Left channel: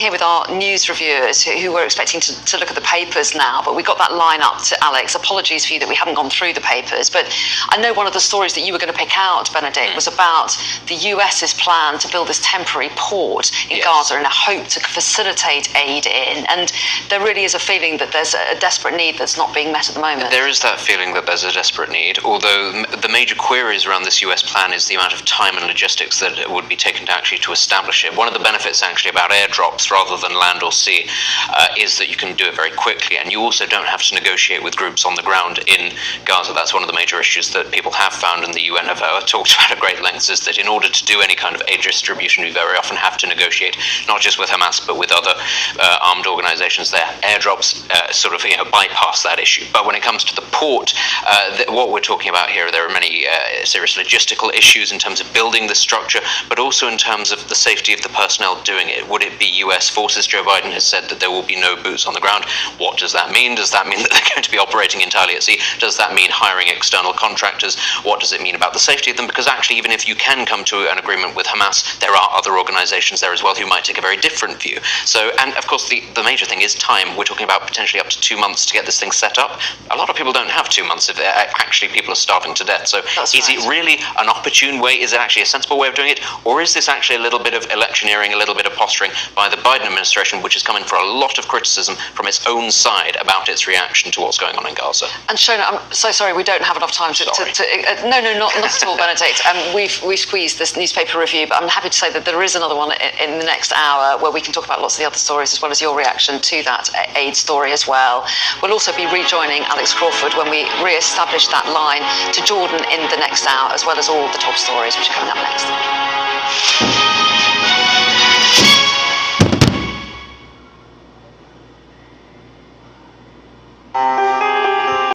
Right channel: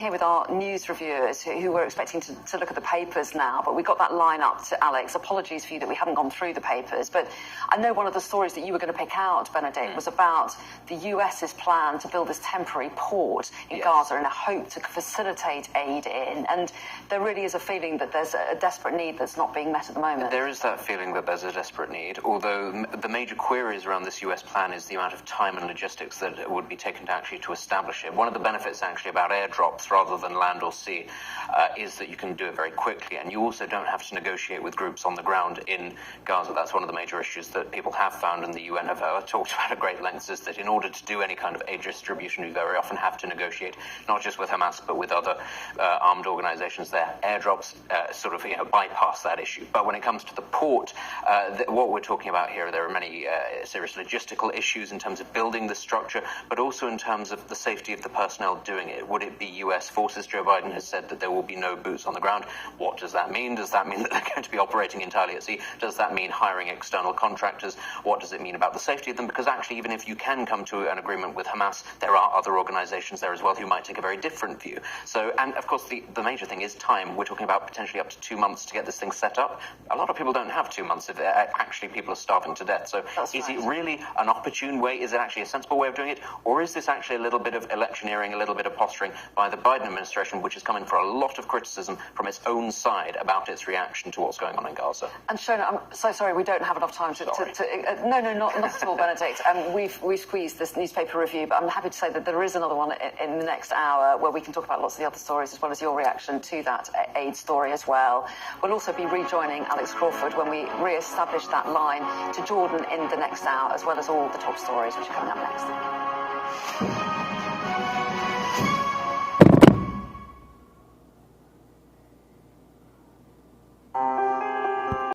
Here with our news reviewers who were expecting to look at the papers now, but we got that line up to Alex. Apologies for you that we haven't gone through the papers, but I know one of the stories that you were going to pick out, Benedict, was about the US's plan to build this temporary port in Gaza in a hope to facilitate aid in, and there really is a feeling that there's a desperate need that's not being met at the moment. There is that feeling that there's a desperate need, although the major queries around this US plan is the amount of time and logistics that would be taken to establish it. One of the benefits actually about airdrops rather than land or sea is that you can do it very quickly, and you also don't have to negotiate with groups on the ground in Gaza. That's one of the major issues that people have found, and the UN have talked about at great lengths, is that in order to do any kind of aid distribution, you very often have to negotiate not just with Hamas but with other armed organizations there. Airdrops bypass that issue. But when it comes to the port, what we're talking about here, there are many serious logistical issues in terms of building the structure, but also in terms of the safety of the personnel doing it. Would it be US forces? Joe Biden has said that there will be no boots on the ground. What does that mean? Does that mean that they're going to be operating entirely at sea? Does that mean hiring external contractors? What does it mean about the safety of them? Because actually, even if you can come to an agreement with Hamas, there are other organizations there as well who might take a very different view. So, and of course, the major thing is time. We're talking about potentially up to 2 months to get this thing set up. A lot of people don't have 2 months if actually people are starving to death. So is it really an opportune way? Is it actually a sensible way of doing it? Or is this actually a little bit of electioneering, a little bit of posturing by the Biden administration, which has come in for a lot of criticism from its own side about its reaction to what's going on in Gaza? And Shona, I'm so sorry we don't have enough time to no, not at all, Benedict. We've squeezed this newspaper review, but I'm happy to say that there is another one in the next hour where we can talk about lots of the other stories as well as your reaction to that aid story as well. We'll also be rejoining Alex Crawford when we re-establish that line to Jordan in the next hour, as well as all the top stories which are coming up next.